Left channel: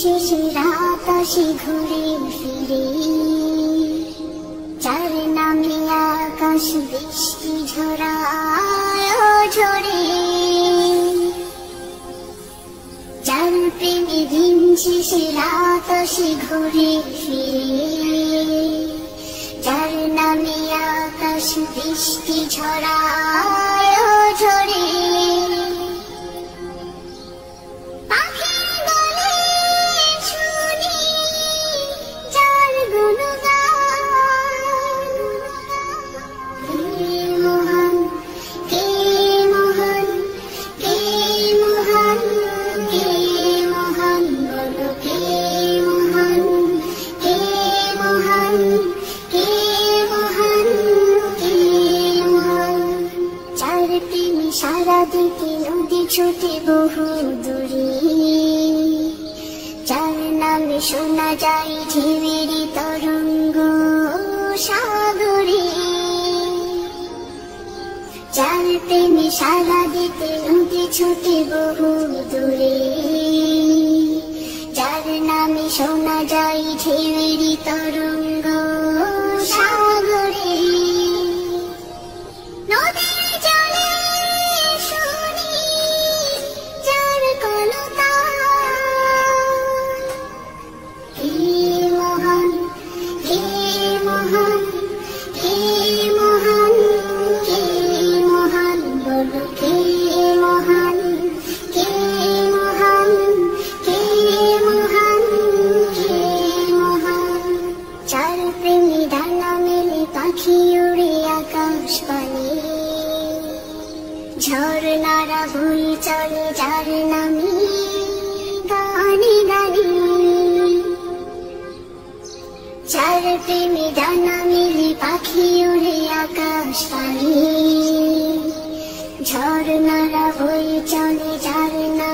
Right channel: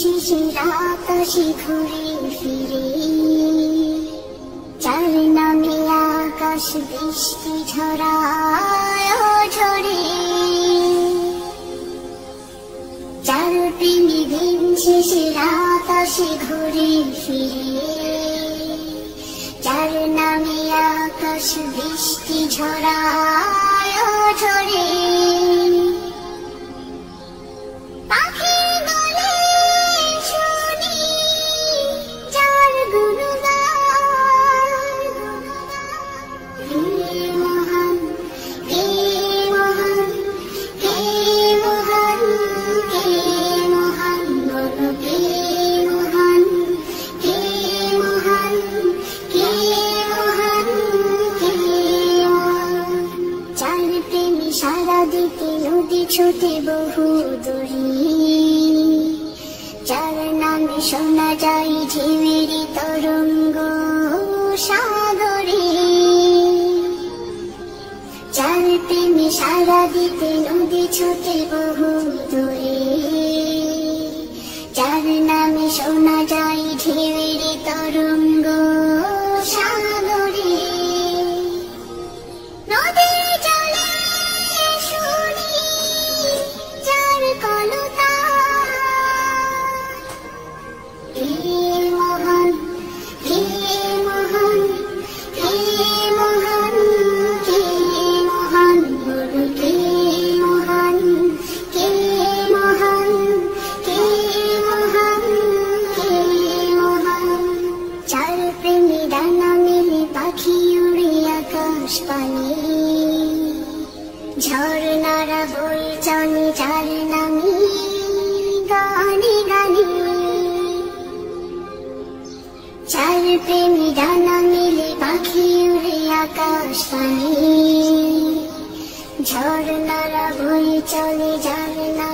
শেষের আকাশে ঘুরে ফিরে, যার নামে আকাশ বৃষ্টি ঝরায় ঝরে, যার প্রেমে দিন শেষের আকাশে ঘুরে ফিরে, যার নামে আকাশ বৃষ্টি ঝরায় ঝরে। সারা দিতে নদী ছোটে বহু দূরে, যার নামে শোনা যায় ঢেউয়ের তরঙ্গ সাগরে, যার প্রেমে সারা দিতে নদী ছোটে বহু দূরে, যার নামে শোনা যায় ঢেউয়ের তরঙ্গ সাগরে। নদীর জলে শুনি যার কলতান, কে মহান, কে মহান, কে মহান, কে মহান, বলো কে মহান, কে মহান, কে মহান, কে মহান। যার প্রেমে ডানা মেলে পাখি উড়ে আকাশ পানে, ঝর্ণারা বই চলে যার নামে গানে গানে, যার প্রেমে ডানা মেলে পাখি উড়ে আকাশ পানে, ঝর্ণারা বই চলে যার নামে